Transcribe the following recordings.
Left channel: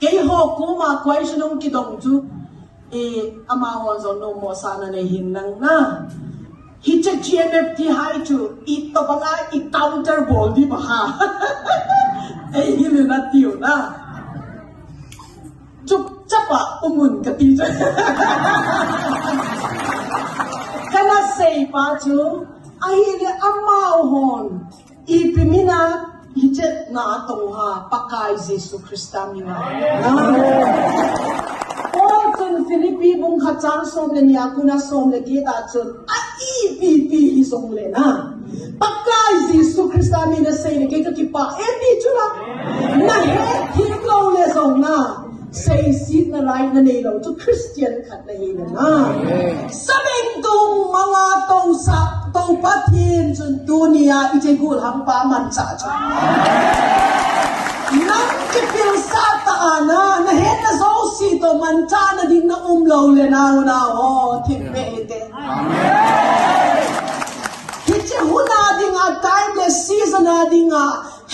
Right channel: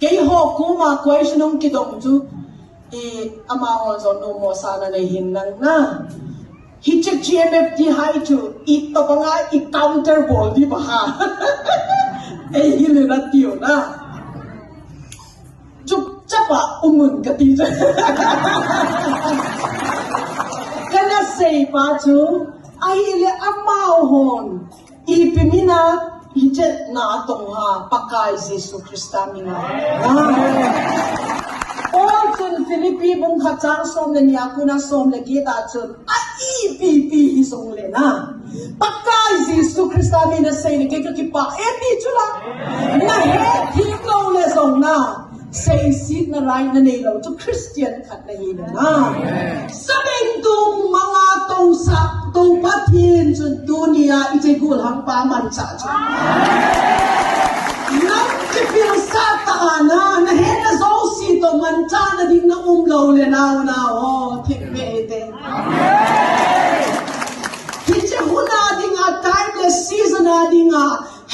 cái hộp cũ mà quay cho nó cái đồng chú ama hon zo no mo sana na hin nang na hi che GMF di hai chu it to banga i counter ball di ba ha ei hi le na tiu na chụp chapa umun ka ti kana sei pa chu ai le ama hon i pimina hi che na tong ha pakai Jesus Christa mi na chun Philippines bung khachang som le nia kuna som le kita chun a EPP hi song le na pakai Jesus Christa mi na sei le ke ka ki pa e ti chula na he thi lo le song na sei sit na right na nei lo chu Christian khat na hi na sabeng tung mga tong sa tong pathin chun dunia i che gul hang pa man cha chu nang ke pil sa ta na he na zo si to man cha na ding na lo le na o thik me te kiche huna ding a timeless season a ding a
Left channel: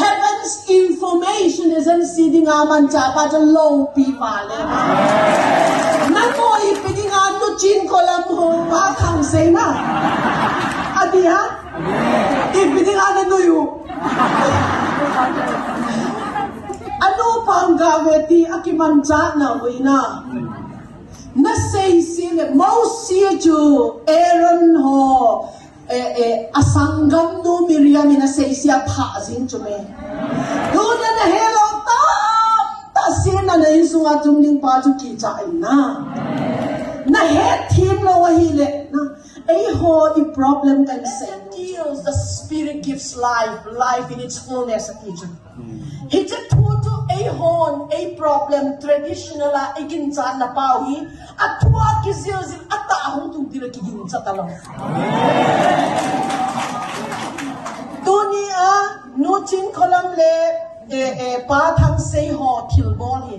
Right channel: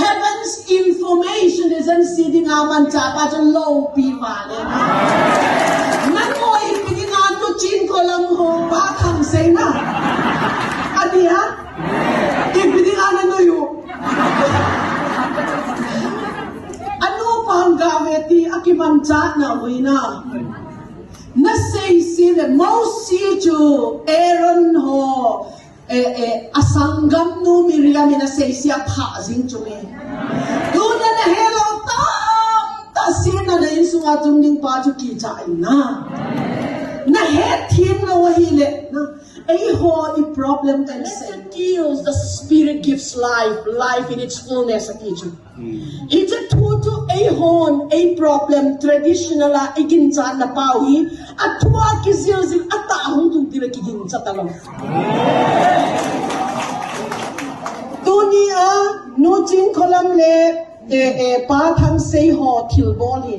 heaven's information isn't sitting a man cha pa cho low pi ma le na ko I piding a to chin ko lam ho pa thang se na adi ha I piding a na no yu ano pang gaveti akimancha na wina na say sile most see to Aaron ho asangam no Miriam na say siya pa jing chume no na hello ta sin na len sunga tumning pa chu ki cha na he thim lo wa hi le na a holy problem can say kills the spirit gives life in its fullness of Egypt. It's a total a problem traditional igin sa na pawi at tuwa kizilzil at taong tugtira kigin sa talong. Dunia no chin kolam le pathang say ho kilboli.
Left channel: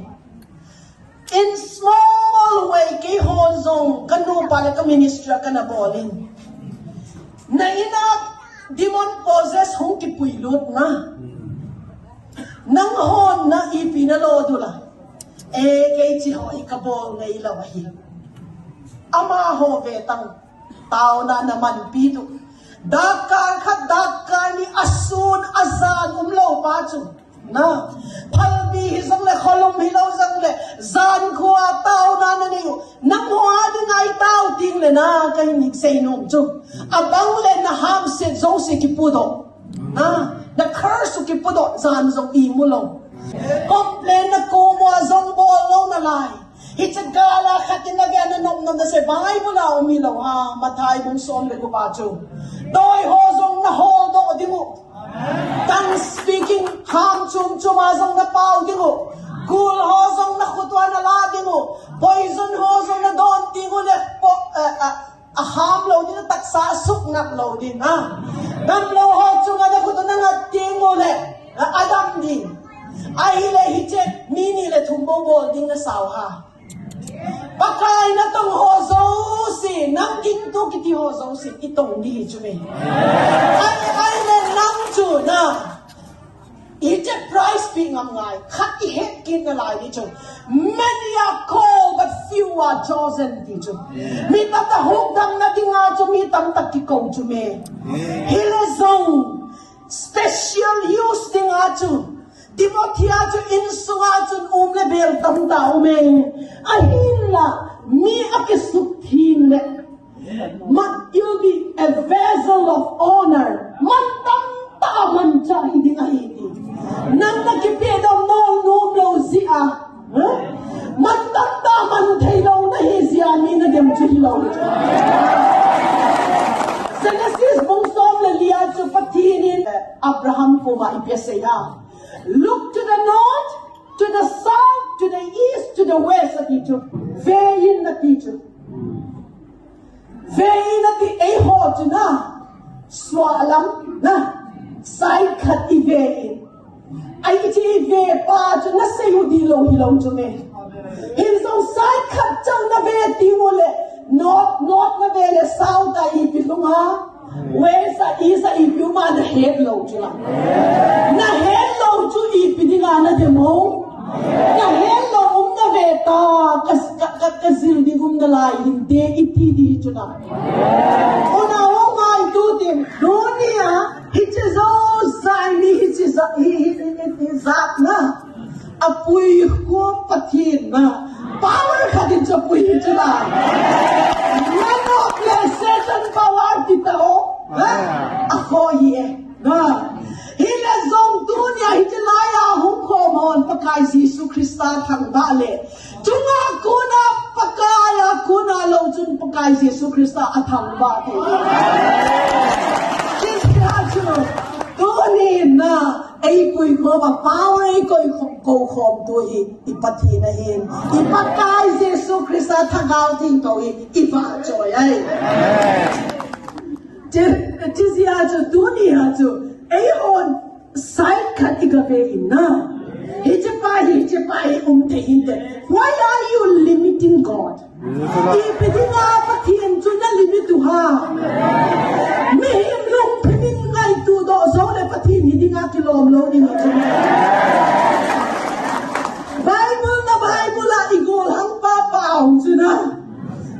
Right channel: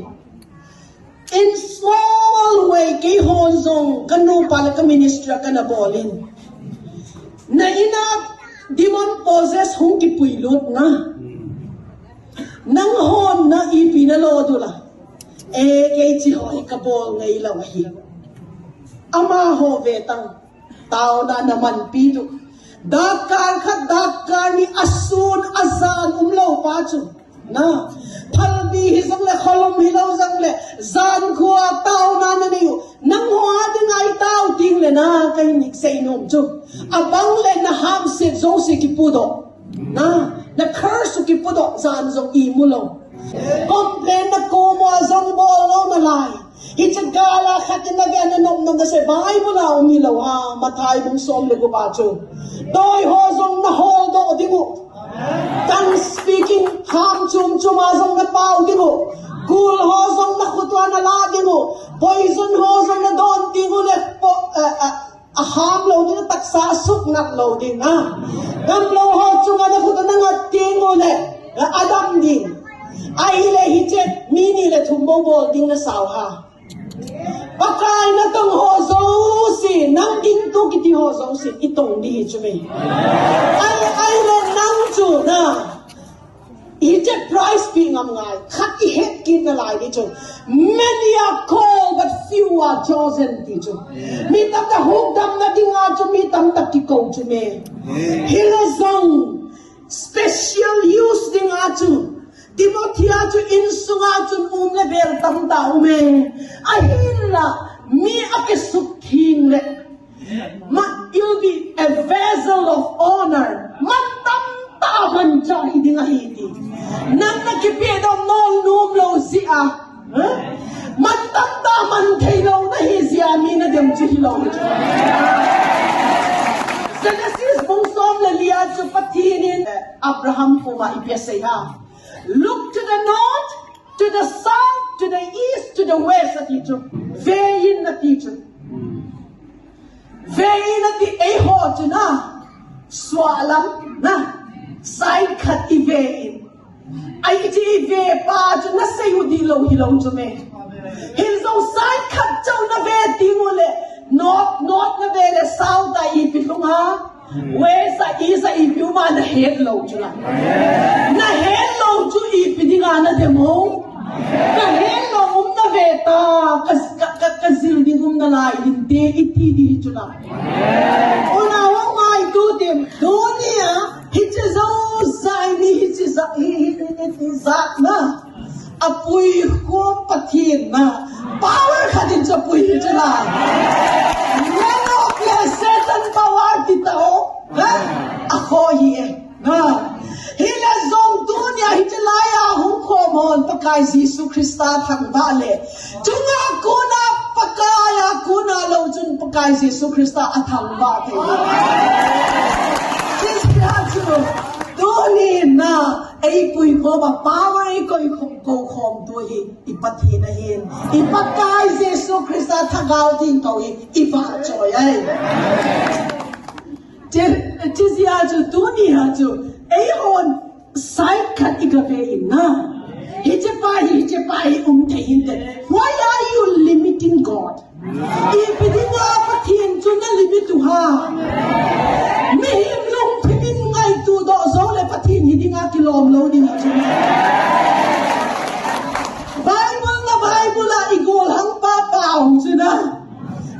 In small way kay hozong kanu pala ka ministra ka na bolin. Na ina demon possess hong kipuilot na. Nang hon na ipinalodo la. Kay chi ho ikabol ngay lawahi. Ama ho vetang tao na naman pido. Dakar ni asun azan umlo pacho. Na palbi hisang le kholom hilaw sang le zan kuwa tao na niyo nang huwa din ay tao ting le na kay nik say nung chuk abang le na ham se zong se kipudo na curse kipudo zan zong imulo complain na kumo zong mo na lai it's a gala khatin na gan nom nom na se Bible na umilaw ha matay mong son le luwacho doy ho zong na ho do di mo Tang speaking ham chum azong na pao di mo gul hozong na kutwa na la di mo poison hozong na don di mo le ham lo di na taksa suk nak lo din ha gam lo ho chung na kutwa na di mo le adam din ai le hiche mini le thumbo bol ding na saw ha pakai na tong hozong si nang din to kiti hozong si itong di chume ai le nang chu na it's a price being am ngai khati het kin na lai ni chu many are called but few are chosen ti chu mi ta ta huk dam na dinga chu mi tam ta ki ko chu me hele zong special use dinga chu Timothea chu in sunga chu le bel tam ta me ahilla mi akesuk thin le ma you'll be a vessel of honor man tam ta man cha hidinga hidi nang nakipido nong num lo si a man tam ta man thelo na hi sia mi na dem chi lo Genesis bong som le lia chu patinin Abraham ko ma ipese ha look to the north to the south to the east to the west at you vein na teacher vein at the eho to na swalam na side cut vein ai ti ve pa to na say hilo to me his own side cut chow na ve ti mo le north na ve le south ai pilung ha west is a if you man head low to na head low to if ni na de mo na head low malai hindi itidi chuna. Ona wong mai tu tim dunia hichizo zaini hizak na apui ko pathin na power khatin sa pui chila. Yano kya Satan power titao ha ako ye na hila zong dunia hichilaya hum ko mon pakai Yesu Krista thang bale tunga kuna pakaya kuna lo chun pakai Yesu Krista athang ba the Kristo doni na ai pui ko ba power ai ko khom tu hi ipati na hin ipakai Yesu Krista thangau ting ko hi ipa joy ai Tizia to dunia to Ahon side cut igabe na. Hijipai Why are you limiting God? Ipidinga patien to na limit to ha. May him long pimin ngai to do so le patien hidinga kilom lo ni to. Bible la igol hang pa pao sina.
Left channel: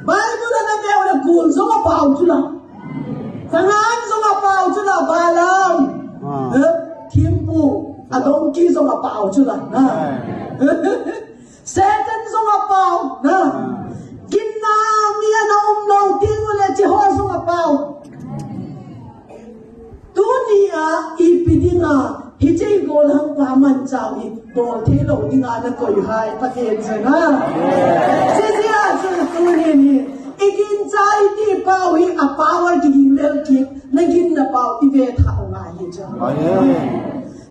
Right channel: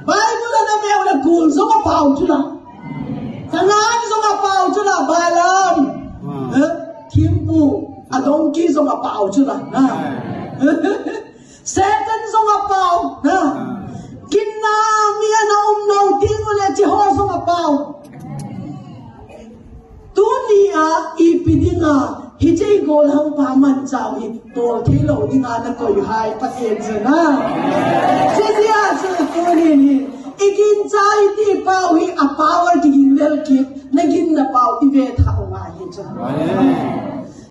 Bible na meo na gul so ka pao sina. Tangan zong apao chula balam, kimpu adong ki zong apao chula, Satan zong apao, kinna miya na umnong tingule chiho zong apao. Dunia ipidinga hijay golang paman chawi tol thelo dinga na toy hai pasen sana. Siya sa tunin Igin chai ti pau hi a power ti gin lel ki nagin na pau ti ve tha wa hi cha